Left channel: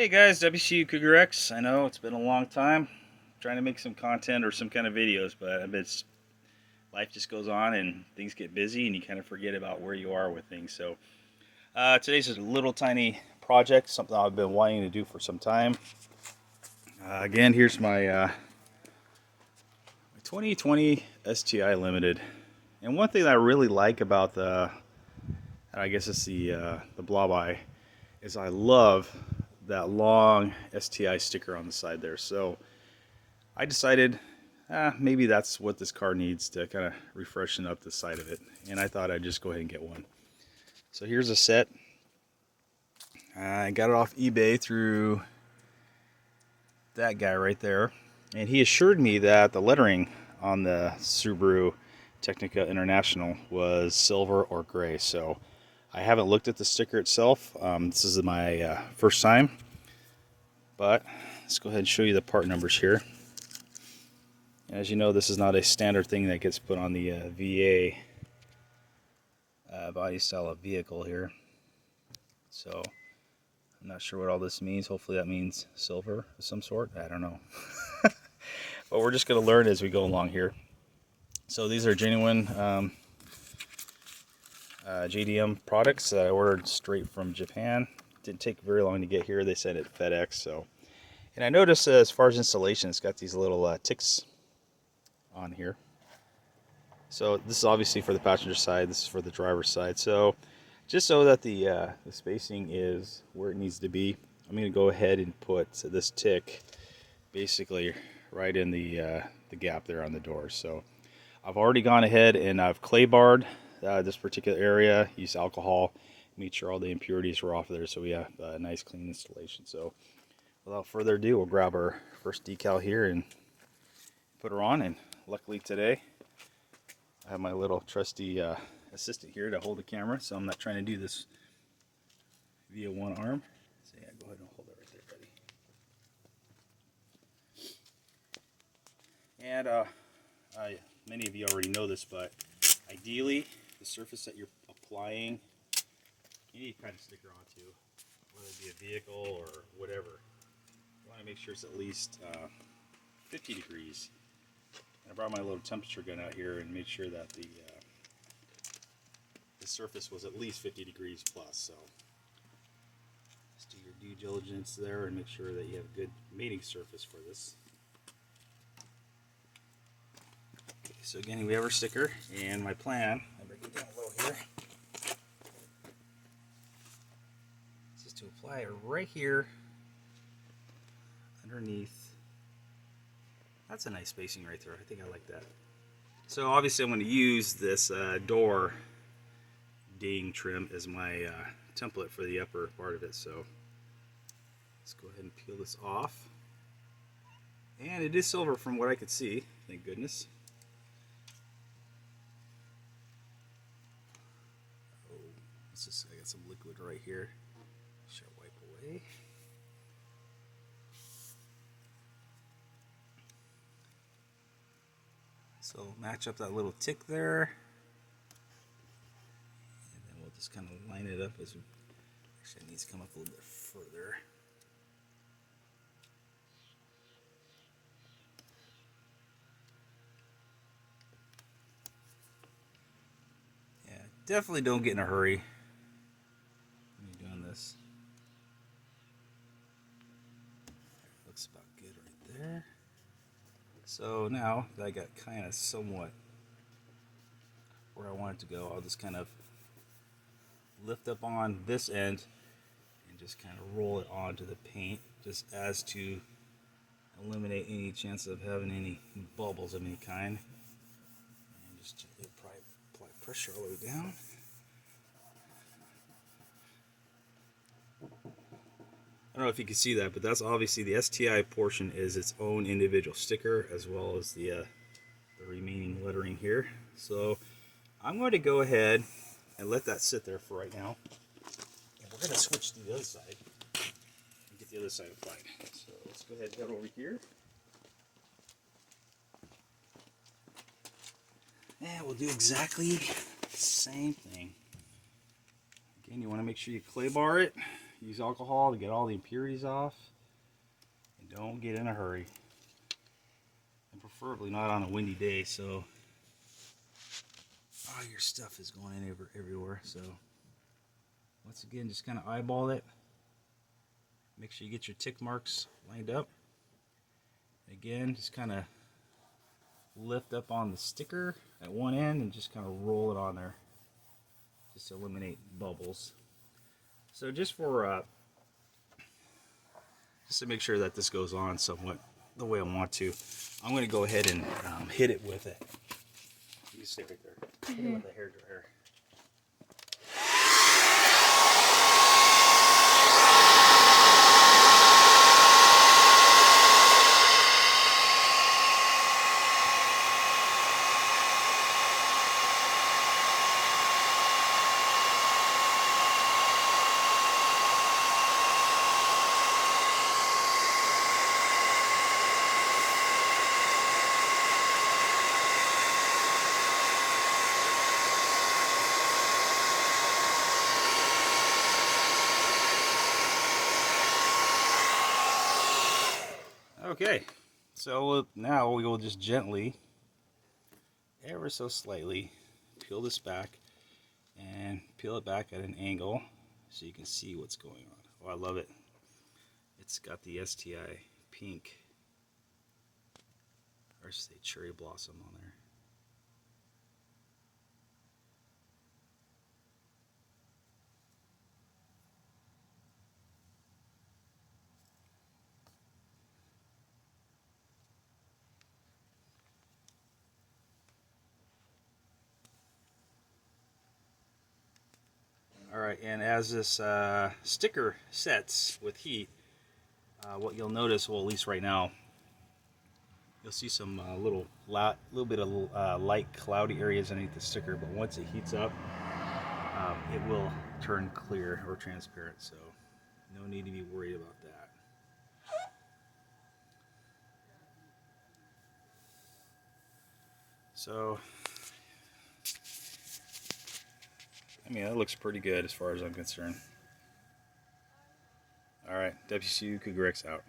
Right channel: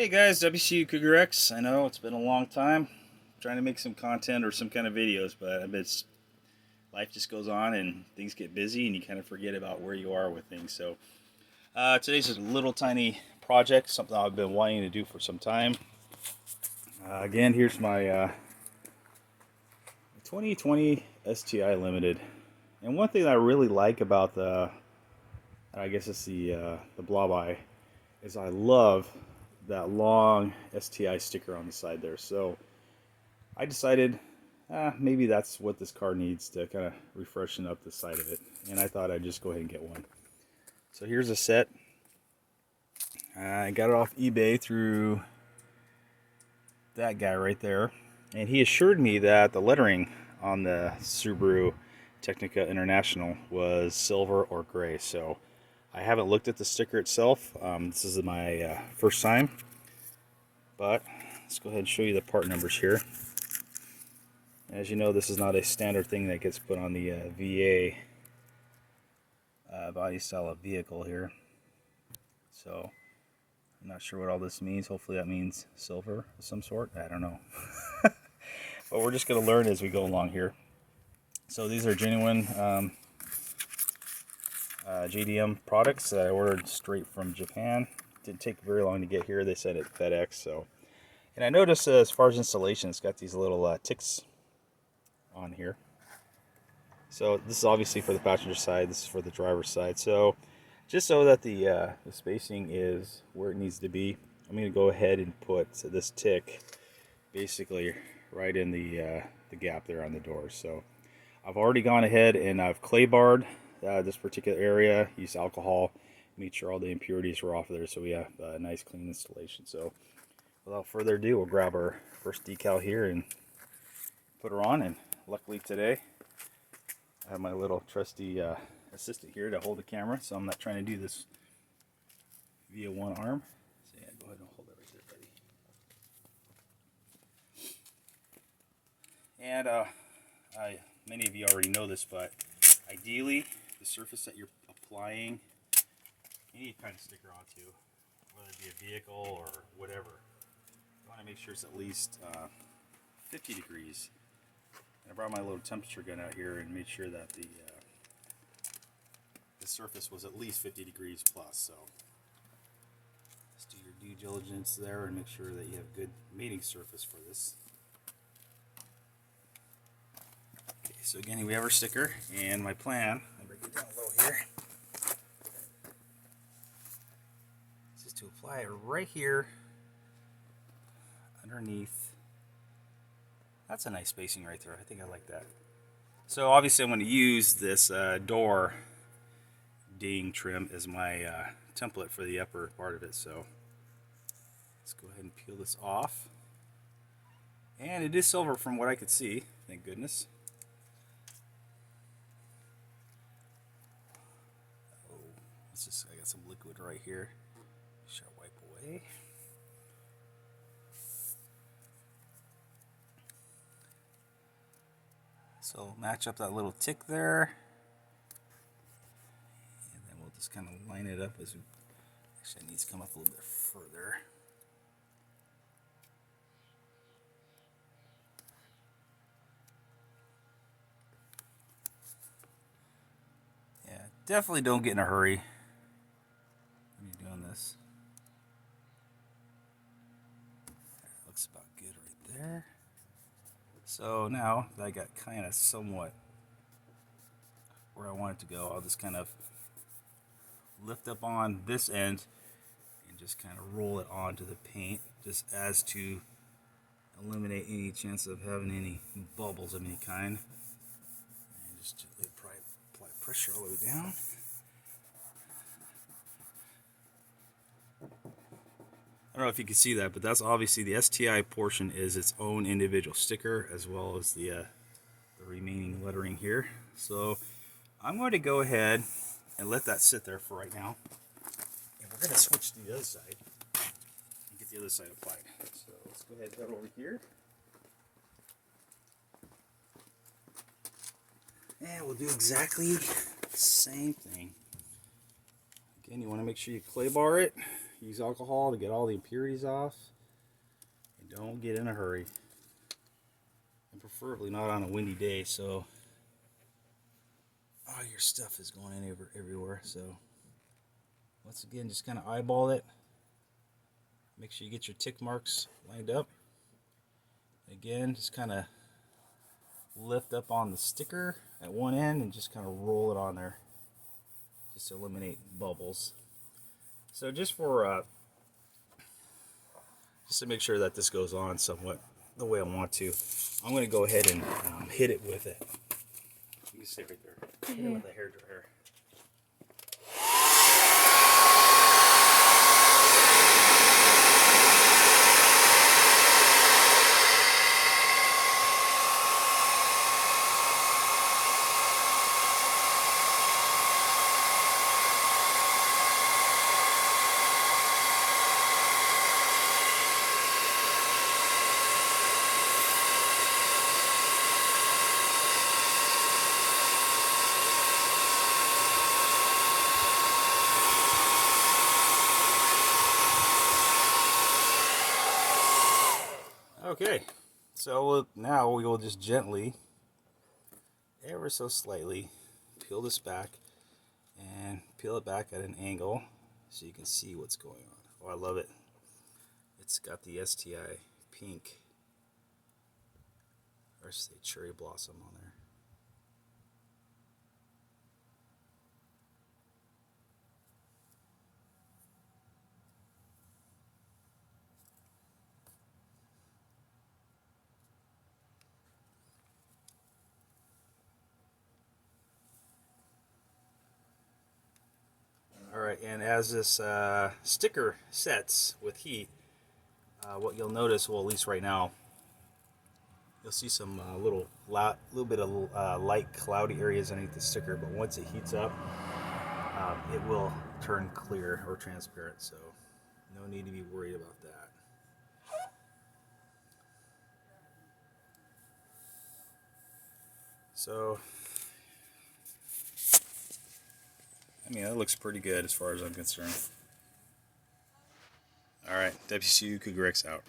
Hey guys, WRX. I know it's been a long time trying to make some content or some kind of videos, but life just goes on and things get busy and you kind of forget about where you are with things. So today's just a little tiny project, something I've been wanting to do for some time. Again, here's my 2020 STi Limited. And one thing that I really like about I guess it's the blob eye, is I love that long STi sticker on the side there. So I decided maybe that's what this car needs to kind of refreshen up the side of it. And I thought I'd just go ahead and get one. So here's a set. I got it off eBay through that guy right there. And he assured me that the lettering on the Subaru Technica International was silver or gray. So I haven't looked at the sticker itself. This is my first time. But let's go ahead and show you the part numbers here. As you know, this is not a standard thing that gets put on the VA body style of vehicle here. So I'm not sure what all this means. Hopefully that means silver of some sort. I don't know. But we're just going to learn as we go along here. So these are genuine JDM products that I ordered straight from Japan. Didn't take very long to get here. They sent it FedEx. So, and I noticed as far as installation, it's got these little ticks on here. So this is obviously for the passenger side. This is for the driver's side. So just so that the spacing is where it needs to be, I'm going to go ahead and put this tick basically right in the gap there on the door. So I've already gone ahead and I've clay barred this particular area, used alcohol, made sure all the impurities were off there so we have a nice clean installation. So without further ado, we'll grab our first decal here and put her on. And luckily today I have my little trusty assistant here to hold the camera, so I'm not trying to do this via one arm. So yeah, go ahead and hold it right there, buddy. And many of you already know this, but ideally the surface that you're applying, you need to kind of stick her onto, whether it be a vehicle or whatever. You want to make sure it's at least 50 degrees. And I brought my little temperature gun out here and made sure that the surface was at least 50 degrees plus. So just do your due diligence there and make sure that you have a good mating surface for this. Okay, so again, we have our sticker, and my plan, I'm going to get down low here, is just to apply it right here underneath. That's a nice spacing right there. I think I like that. So obviously I'm going to use this door ding trim as my template for the upper part of it. So let's go ahead and peel this off. And it is silver from what I could see, thank goodness. Oh, I got some liquid right here. Should I wipe away? So match up that little tick there, and then we'll just kind of line it up as we, actually it needs to come up a little bit further. Yeah, definitely don't get in a hurry when you're doing this. Looks about good right there. So now that I got kind of somewhat where I want it to go, I'll just kind of lift up on this end and just kind of roll it onto the paint, just as to eliminate any chance of having any bubbles of any kind. And just gently apply pressure all the way down. I don't know if you can see that, but that's obviously the STi portion is its own individual sticker, as well as the remaining lettering here. So I'm going to go ahead and let that sit there for right now. And we're going to switch to the other side and get the other side applied. So let's go ahead and head over here. And we'll do exactly the same thing. Again, you want to make sure you clay bar it. use alcohol to get all the impurities off. And don't get in a hurry. And preferably not on a windy day, so all your stuff is going in everywhere. So once again, just kind of eyeball it. Make sure you get your tick marks lined up. Again, just kind of lift up on the sticker at one end and just kind of roll it on there, just to eliminate bubbles. So just to make sure that this goes on somewhat the way I want to, I'm going to go ahead and hit it with it. You stay right there. Hit it with a hairdryer. Okay, so now we will just gently, ever so slightly, peel this back and peel it back at an angle so you can see what's going on. Oh, I love it. It's got the STi pink, or I should say cherry blossom on there. Alright, and as this sticker sets with heat, what you'll notice, well, at least right now, you'll see some little bit of light cloudy areas underneath the sticker, but once it heats up, it will turn clear or transparent, so no need to be worried about that. So, I mean, that looks pretty good as far as I'm concerned. Alright, WCU WRX out.